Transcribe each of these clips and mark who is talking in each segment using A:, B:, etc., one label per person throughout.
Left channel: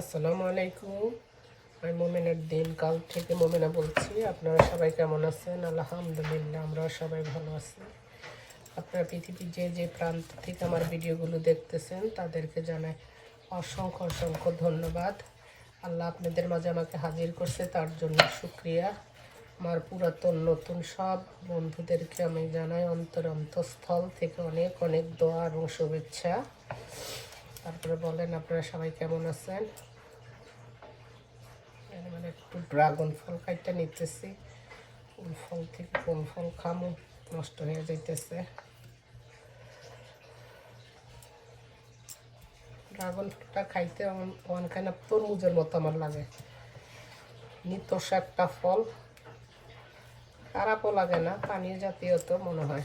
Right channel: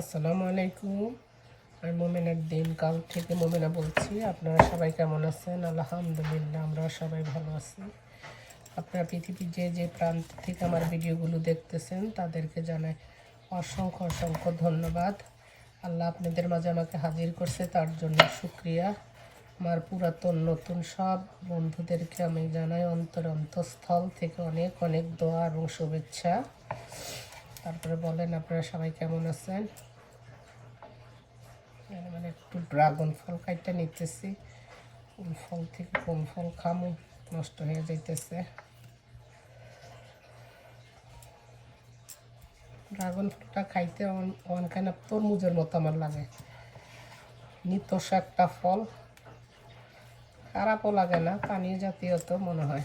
A: আসসালামু আলাইকুম। আমি মোমেনার দিন কাল থেকে মোমেনা বলছি। আপনারা সবাই কেমন আছেন? আলহামদুলিল্লাহ, আমরা সবাই ভালো আছি। আপনারা পৃথিবীর যে যে প্রান্ত থেকে আমার ভিডিওগুলো দেখতেছেন, তাদেরকে জানাই অসংখ্য অসংখ্য ধন্যবাদ। আল্লাহ আপনাদের মাঝে আমাকে হাজির করছে, তার জন্য শুক্রিয়া। আমার পুরাতন, নতুন সব বন্ধুদেরকে আমি জানাই অন্তর, অন্তঃস্থল থেকে অনেক অনেক দোয়া এবং শুভেচ্ছা। তারপরে বলেন আপনারা সবাই কেমন আছেন? মানে একটু ড্রাগন ফল খাইতে নিতেছি। কোন ফল থেকে কোন ফল খামো, নষ্ট হয়ে যাইতেছে। ড্রাগন ফলটা খাইতে অনখানে তরমুজের মতো আমার লাগে। নিতস একটা ফল। খারাপও লাগে না পানি জাতীয় তো মনে হয়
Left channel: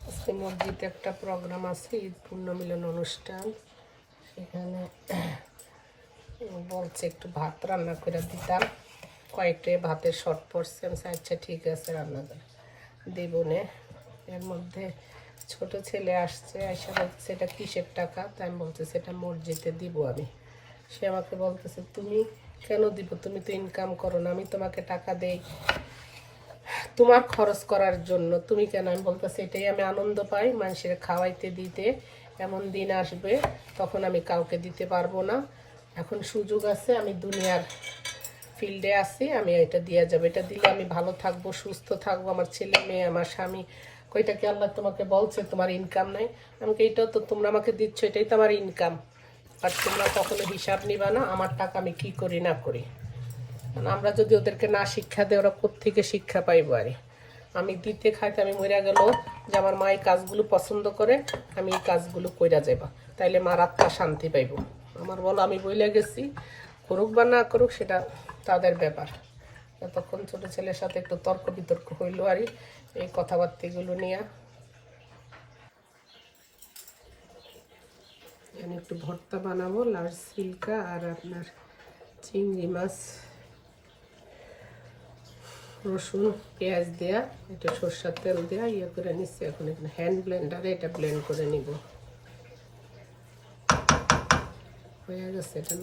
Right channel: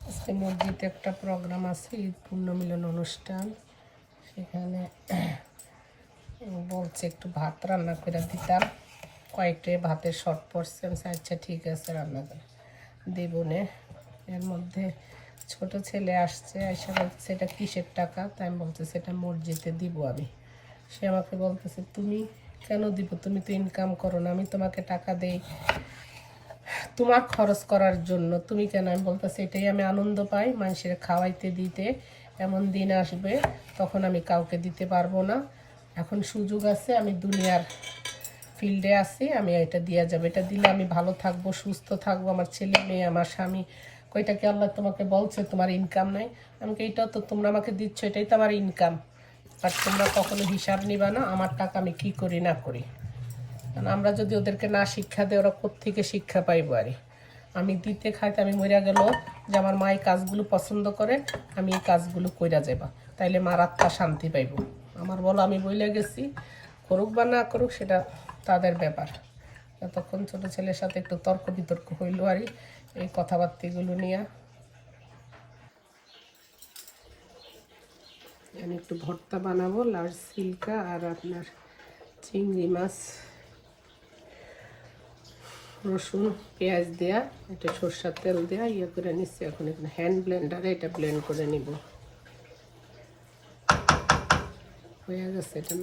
A: আজকে মসজিদে একটা প্রোগ্রাম আছে, ঈদ পূর্ণমিলন অনুষ্ঠান। সেখানে বলছে একটু ভাত রান্না করে দিতাম। কয়েকটে ভাতের শর্ট পড়ছে আচ্ছা ঠিক আছে, রান্না করে দিব নে। এর মধ্যে ছোট ছেলে আসছে, এসে বলছে সেটা কিসের টাকা? তাই আমি বলছে সেটা মসজিদে দিব আমি। সে আমাকে বলতেছে, তুমি কেন দিব? তুমি তো ইনকাম করো না, আমি তোমাকে টাকা দেই। তোমার খরচ করার জন্য। তুমি কেন? আমি বলতেছি, এটাই আমি আনন্দ পাই মানুষের খাওয়াইতে, দিতে। এমন দিন আসবে, তখন আমি কাউকে দিতে পারব না। এখন সুযোগ আছে, আমি দুনিয়ার ফিল্ডে আছি, আমি এটা দেওয়া যাবে। এটা দিলে আমি ভালো থাকব, সুস্থ থাকব। আমার ছেলে মেয়ে, আমার স্বামী। কইটাকে আল্লাহ তোমাকে বলছে, তোমার ইনকাম নাই? আমাকে এইটাও তো তোমরা আমাকে দিচ্ছ, এটাই তো আমার ইনকাম আর তোমরা কখনো হিসাব নিবা না, আমার টাকা আমি কি করি, না করি। কারণ আমরা যদি ওদেরকে না শিক্ষা দিই, ওরা কোত্থেকে শিক্ষা পাইবো আরে? আমি দিতে খাইতে আমি মরে গেল যে আমার মা এই কাজগুলো পছন্দ করে, আমি এই কাজগুলো কইরা যাবা তাইলে মার আত্মা শান্তি পাইব। আমার বলো, আমি বইলে গেছি, করুক বা না করুক, সেটা তাদের ব্যাপার। তখন ছোট ছেলের সাথে একটু তর্ক বিতর্ক হইল আর এই কথাবার্তাগুলো নিয়ে। আমি একটু ভর্তা বানাবো, লাল সিল্কা আর আপনার চিংড়ি মাছ। রসুন, পেঁয়াজ দেয়া এটা সর্ষার তেল দেয়া ইয়ে করে নিচ্ছি এখন এখানে হ্যান্ড ব্লেন্ডারে এটা ব্লেন্ড করে নিব। হয়ে গেছে, এটা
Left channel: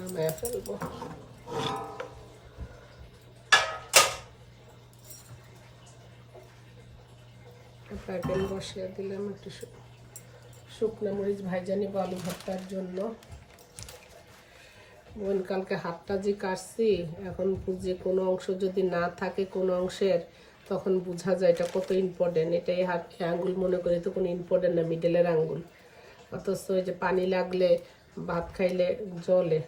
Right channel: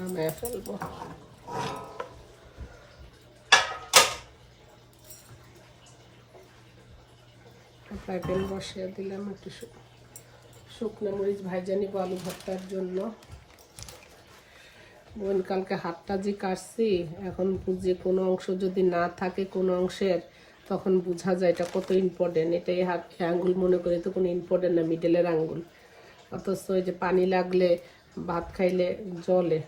A: প্যান বসিয়ে দিলাম, একটু শুকনো মরিচ ভাজা নিব আলু ভর্তার জন্য। বোন, কালকে হাতটা যে কাটছি, এখন যে কোনো অংশ যদি না থাকে কোনো অংশের, তখন বোঝা যায় এটা কত ইম্পর্টেন্ট এটাই হাত আঙ্গুল মনে করি তো কোনো ইম্পর্টেন্ট না মিডেলের আঙ্গুল অথচ ওই যে পানি লাগলে, ভাত খাইলে জলে।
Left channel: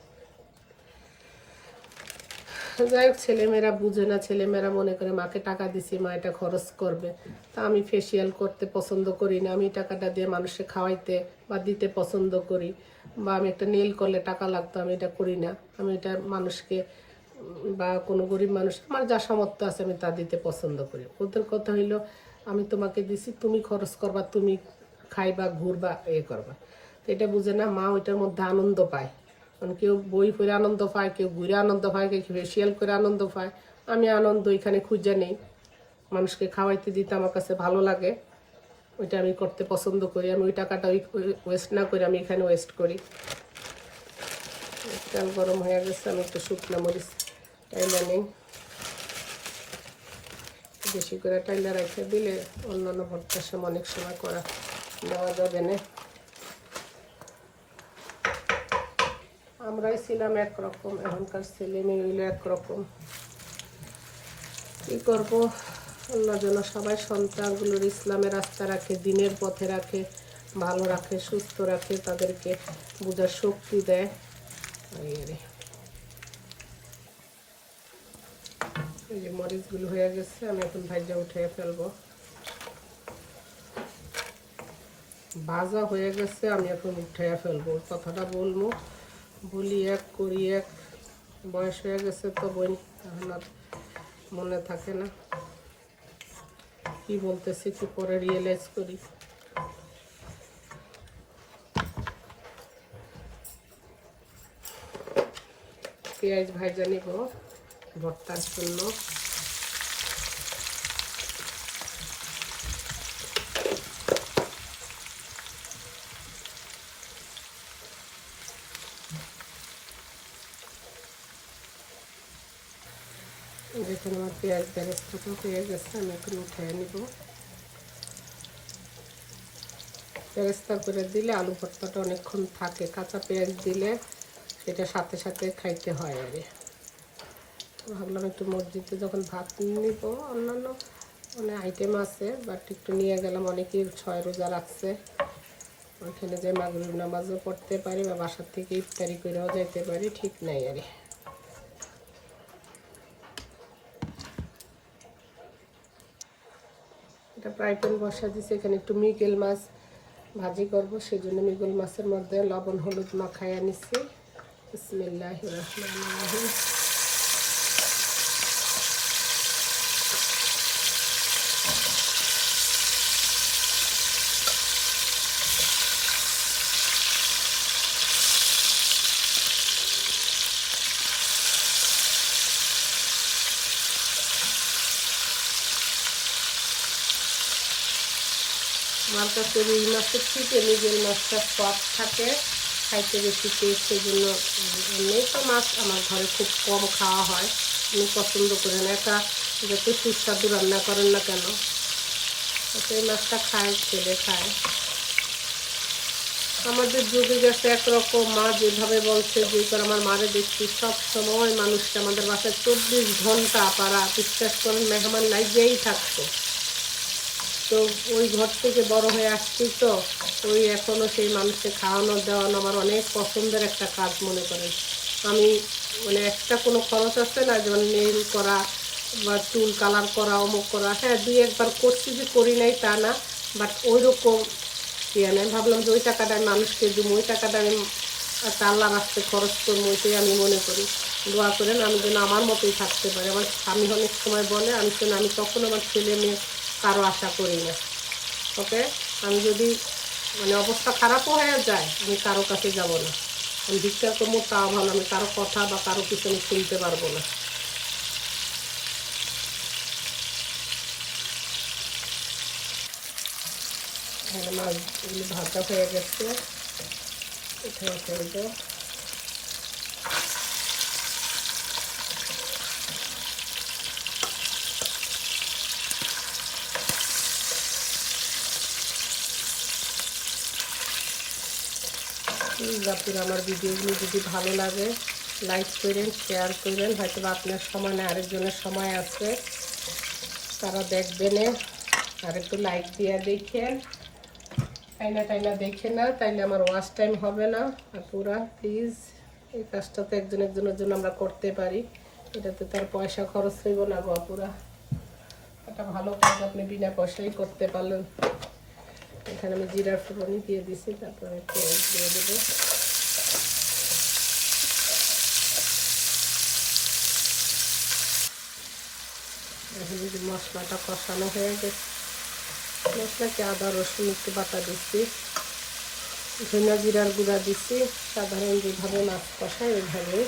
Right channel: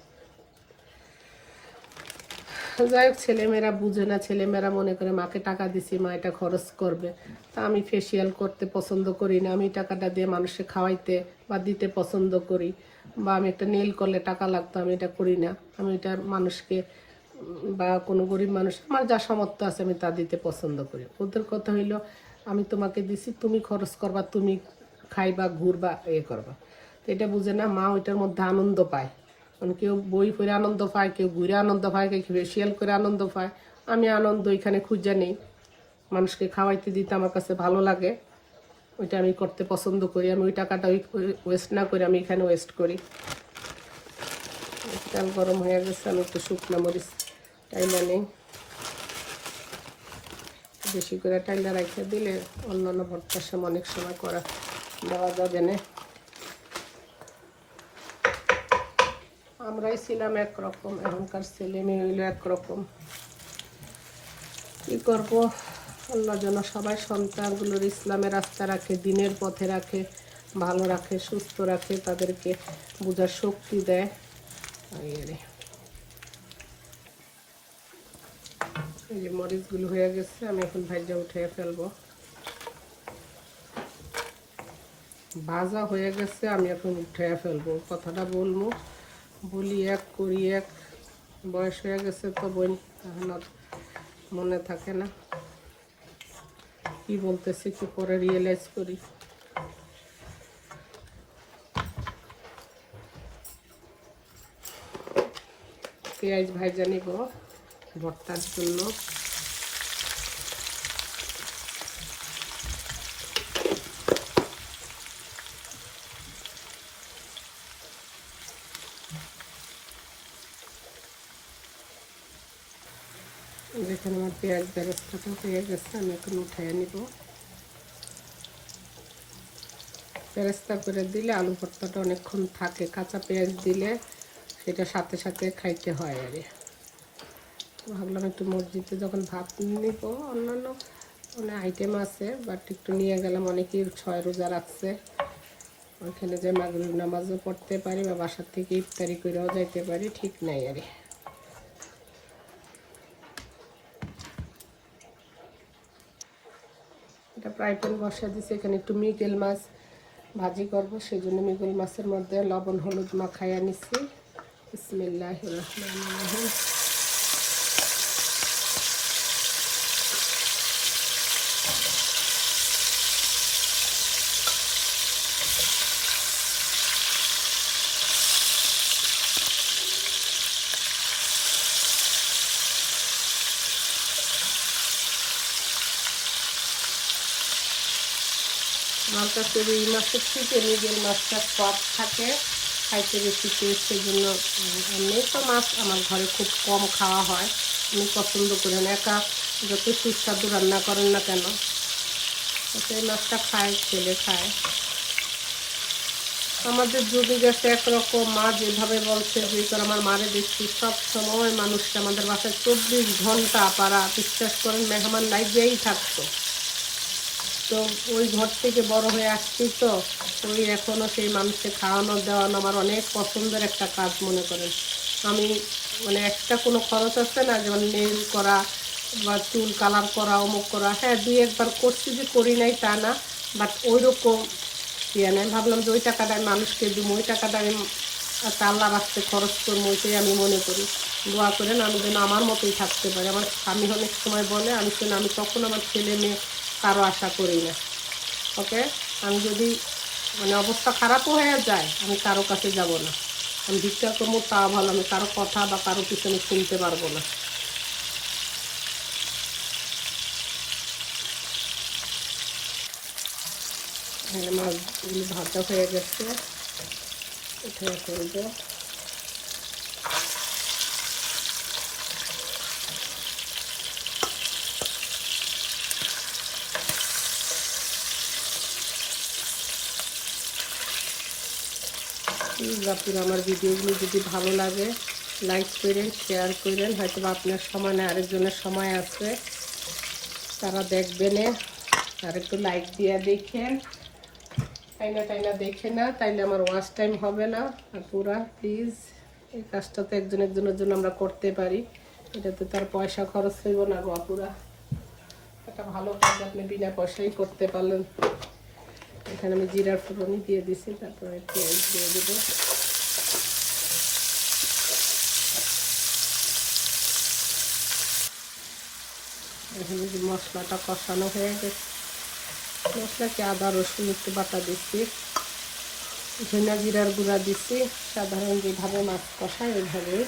A: যাই হোক, ছেলেমেয়েরা বুঝে না, ছেলেমেয়েরা মনে করে মাকে টাকা দিছি, মা এটা খরচ করবে। তা আমি ফেসিয়াল করতে পছন্দ করি না, আমি টাকাটা দিয়ে মানুষকে খাওয়াইতে বা দিতে পছন্দ করি বা আমি একটা নেল করলে টাকা লাগতো, আমি এটা করি না। আমি এটা মানুষকে, বা কোনো গরিব মানুষ আমার যা সামর্থ্য আছে আমি তা দিতে পছন্দ করি। ওদের কথা হইল, আমি তোমাকে দিছি, তুমি খরচ করবা, তুমি খাইবা, ঘুরবা, এ করবা। এটা বুঝে না, মা ওইটার মধ্যে আনন্দ পায়। কেউ বই পড়ে আনন্দ পায়, কেউ ঘুরে আনন্দ পায়, কেউ ফেসিয়াল করে আনন্দ পায়। আমি আনন্দ এখানে খুঁজে নিই। মানুষকে খাওয়াইতে দিতে আমার কাছে ভালো লাগে। ওইটা আমি করতে পছন্দ করি। আমি ওই টাকাটা ওই ওয়েস্ট না করে আমি এখানে ওয়েস্ট করি। গরম হয়ে গেছে, আমি একটু শুকনো মরিচ টাইলে নেই। বেশি করে টাইলে রাখতে দিলে অন্যান্য ভর্তার সময় অনেক সময় করা দেওয়া যাবে না। আমরাই ছিলাম একরকম, এখনকার ছেলে মেয়ে হইল একরকম। কি করব? আল্লাহ যেন সবাই সন্তানগুলোর ইসলামের রাস্তা রাখে, দিনের পথে রাখে, ভালো রাখে, সুস্থ রাখে, তাদেরকে বোঝার শক্তি দেয়। এই যে মরিচগুলো হয়ে গেছে, আমি এখন ভাইজা উঠিয়ে ফেলব। ভাজা হয়ে গেছে, আমি এখন উঠে ফেলব। কথাটা বলব। বলি এক করি এক, বয়স হয়ে গেছে তো বই তখন আর মনে থাকে না। কি বলতেছি, একটু করে রিয়েলাইজ করি। পেঁয়াজ ভাজা গো ভর্তার জন্য এখন আমার পেঁয়াজ বেরেস্তাটা হয়ে গেছে আমি পেঁয়াজটা করে দিলে আলু ভর্তাটা অনেকক্ষণ থাকে। কাঁচা পেঁয়াজ দিলে সেটা সাথে সাথে খাইতে হয়। আরে ভাবলাম একটু মসজিদে যখন ভাত নিব, অন্যান্য মানে আইটেম আছে বাট একটু নিয়ে গেলাম। অনেকেই ছয় রোজা রাখছে। ওখানে যে মাগরিব নামাজও পড়তে পারি বা বাসার থেকে ইফতারি করেও যেতে পারি, ঠিক নাই আরে। এটা ফ্রাই প্যান বসা দিয়েছি এখানে একটু মৃগেল মাছ ভাজি করব সেই জন্য মৃগেল মাছের মধ্যে লবণ, হলুদ মাখাইয়া নিচ্ছি বিসমিল্লাহ আমার কাছে রুই মাছের থেকে রুই মাছটা স্বাদ থাকে, খাইতে বেশি টেস্ট সেই জন্য তো মাছ। আমার ঘরে খুব কম খাওয়া হয়। আমি পছন্দ করি না। একা যত সুস্বাদু রান্না করেন না কেন সেই মাছটা খায় ছেলে খায়। আমাদের যুগে গেছে একরকম মা যেভাবে বলছে যে আমার মারে দেখছি সব সময় মানুষকে আমাদের বাসায় চব্বিশ ঘণ্টা পাড়া বিশ্বাস করেন, মেহমান লাইফেই থাকতো তো ওই ঘর থেকে বড় হয়ে আসছি তো, ওই এখনও সেই মানুষকে খাওয়ানো দেওয়ানো আমার অনেক পছন্দের একটা কাজ মনে করি। আমি মানে একটা কোনো খরচ আছে না যেমন নেল করা বা চুল কালার করা, অমুক করা হ্যাঁ দুই একবার করছি যে করি নাই তা না বাট ওই রকম ইয়ে ভাবলাম যে ওই টাকাটা আমি মানুষকে দিব, ওই টাকাটা আমি রাখতে খরচ করব, ওইটাই আমি মনে করি। দোয়া করেন আমি যেন আমার মতোই থাকতে পারি। আমার স্বামী অনেক সময় বলে, আমি শুনে, আমি তখন আমার ছেলে মেয়ে কারও আশা করি না। ওকে আমি যদি মানে অবস্থা খারাপও হয়ে যায়, আমি কারও কাছে যাব না। আমি ভিক্ষা করব তা ভালো আমি কারও কথা বা কারও আমি শুনতে পারব না। এগুলো ভাজা হয়ে গেছে। এখানে আপনার আমার ভিডিওগুলো যদি ভালো লাগে লাইক করেন শেয়ার করেন হয়তো আপনার সমানে আরেকজনের সময় আছে। তারা দেখবেন আর একটু লাইক দিয়ে দেখেন। টাইনা টাইনা দেখে না, তাইলে আমার ওয়াশ টাইম হবে না। পুরা প্লিজ এই কাজটা তো একজন একজনের জন্য আমরা করতে পারি। এটাতে তার পয়সা খরচ হইব না বা পুরা। এটা ভালো কাজ আপনি বিনা পয়সাই করতে পারলেন। এখানে আমি জিরার ফুলনি দিয়ে দিছি, তারপরে পেঁয়াজ দিয়ে দেবো। এখানে যে মশলাটা কষানো হয়ে গেছে, মশলাতে আদা, রসুন, একটু বাটা দিচ্ছি। ধনে জিরার গুঁড়া দিচ্ছি, সাধারণ যেভাবে মাছ কষা এইভাবে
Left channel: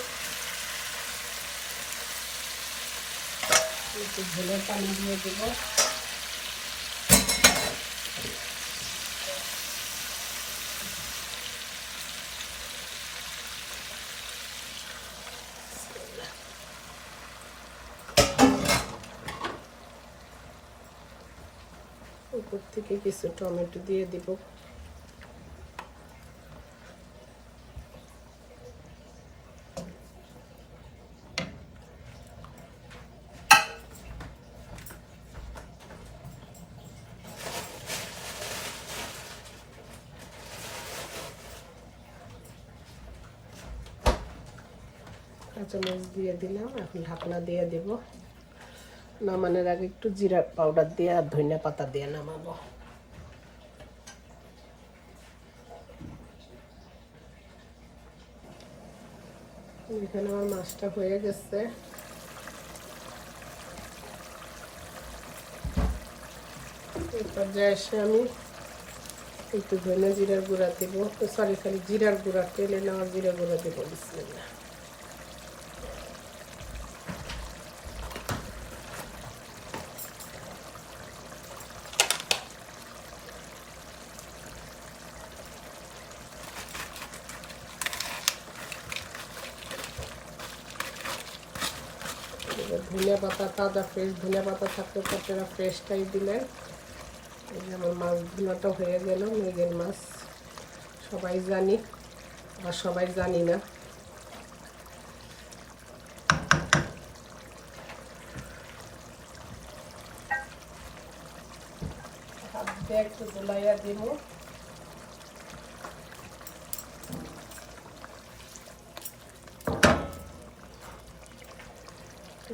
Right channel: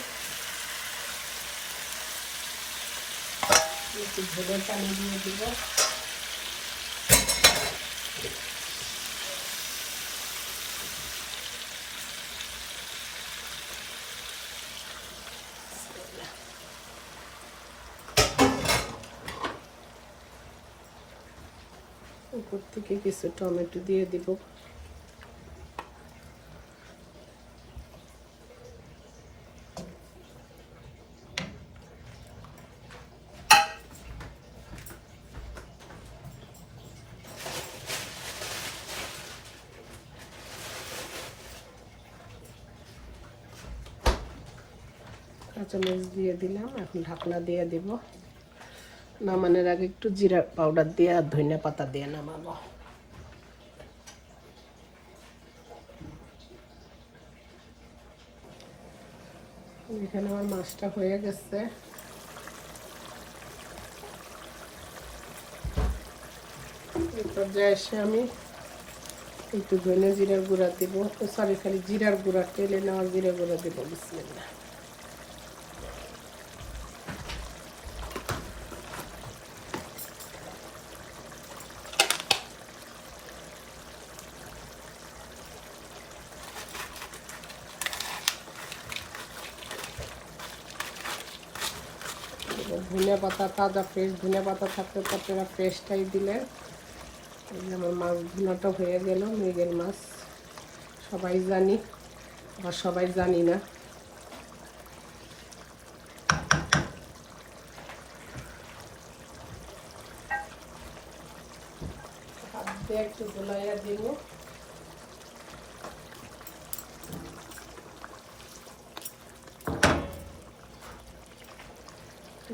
A: ধনে পানি দিয়ে দেবো। উপর থেকে কিছু টমেটো দিয়ে দিব। কাঁচামরিচ দিয়ে দিলাম এখন ঢাকনা দিয়ে দিব। নামানোর আগে একটু জিরা পাউডার দিয়ে আর ধনিয়া পাতা দিয়ে নামাবো। এখানে আমার মাছটা হয়ে গেছে। এসে আমি একটু ধনে জিরার গুঁড়া দিব। সরি সরি জিরার গুঁড়া, তেলে নেওয়া জিরা গুঁড়া দেবো। ধনিয়া পাতা তাজা ফ্রেশ ধনিয়া পাতা থাকতে তো আপনারা ফ্রেশটাই দিলেন। আমার মাছ ধুনাটা হয়ে গেল মৃগেল মাছ। সবাই জানি বা সবাই জানি না। একটু গোলাইয়া দিব।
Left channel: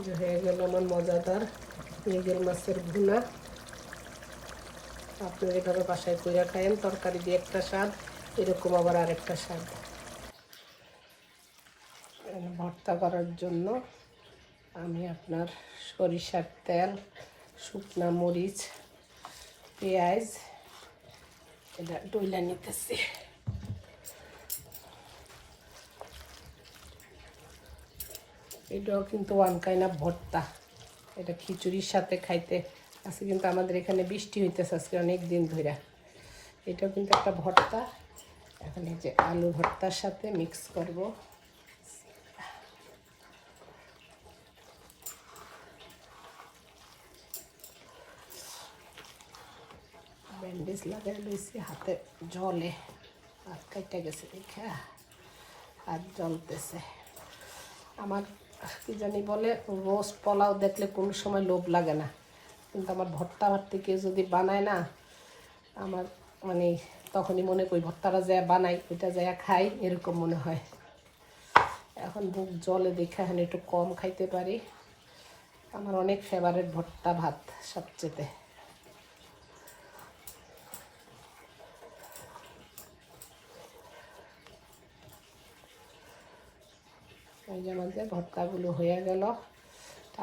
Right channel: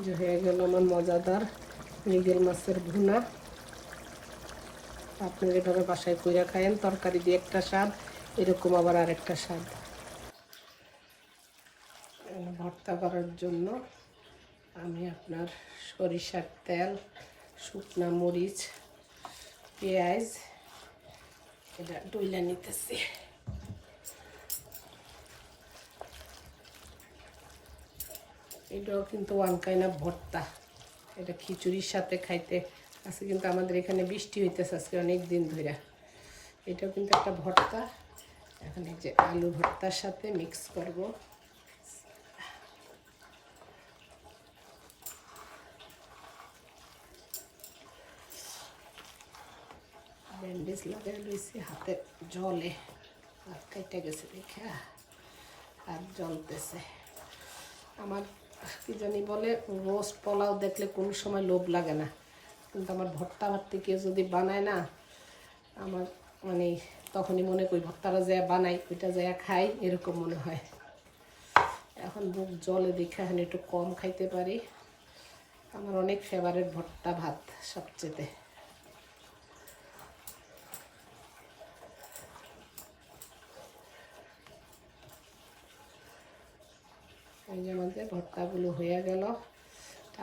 A: যে হয়ে গেল আমার মজাদার মৃগেল মাছের ভুনা। আপনি এভাবে বাসায় করে খায়েন, তরকারি দিয়ে একটা স্বাদ, এরকম আবার আরেকটা স্বাদ। ভর্তা করার জন্য আমি আপনার সরিষার তেল, শুকনা মরিচ, পেঁয়াজ, এটা ডইলা নিতেছি। এটাও কিন্তু ওয়ান কাইন ভর্তা। এটা খিচুড়ির সাথে খাইতে, আজকে কিন্তু আমাদের এখানে বৃষ্টি হইতেছে আজকে অনেক দিন ধরে এটাও কিন্তু একটা ভর্তা। এখন এই যে আলু ভর্তার সাথে মিক্স করব। ব্যান্ডেজ লাগাই লইছি, হাতে জলে হাত কাইটা গেছে, দেখে। হাত জ্বলতেছে। আমার কি জানি বলে রোজ পোলাও দেখলে কোনো সময় লোভ লাগে না। কিন্তু আমার ভর্তা ভাতটি কেউ যদি বানায় না, আমার মানে তখনই মনে করি ভর্তাটা যা বানাই এটা যা খাই, এরকম মনে হয়। এখন বুক জলে দেখে এখন একটু কম খাইতে পারি। আমার অনেক ফেভারেট ভর্তা ভাত সবচেয়ে। এই যে আমাদের ভর্তাগুলো হয়ে গেল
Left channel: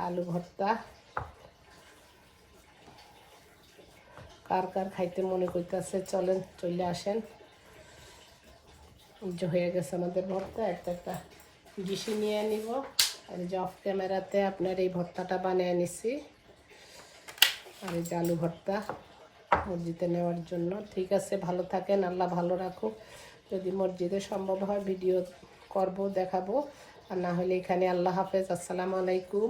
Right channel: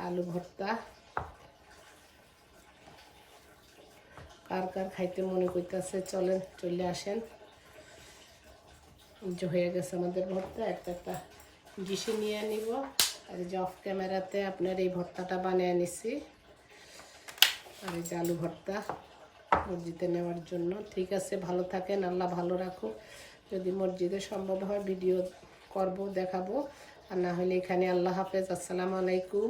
A: আলু ভর্তা। কার কার খাইতে মনে করতেছে, চলেন চলে আসেন। যে হয়ে গেছে আমাদের ভর্তা, একটা একটা ডিশে নিয়ে নিব। আর যে অফ ক্যামেরাতে আপনার এই ভর্তাটা বানিয়ে নিছি। আর এই যে আলু ভর্তা মসজিদে নেওয়ার জন্য। ঠিক আছে, ভালো থাকেন, আল্লাহ ভালো রাখুক। যদি মসজিদে সম্ভব হয়, ভিডিও করব, দেখাবো। আর না হলে এখানে আল্লাহ হাফেজ, আসসালামু আলাইকুম।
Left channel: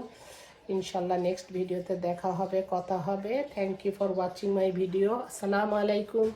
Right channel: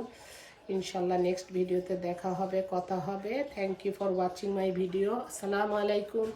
A: ইনশাল্লাহ নেক্সট ভিডিওতে দেখা হবে, কথা হবে। Thank you for watching my video আসসালামু আলাইকুম।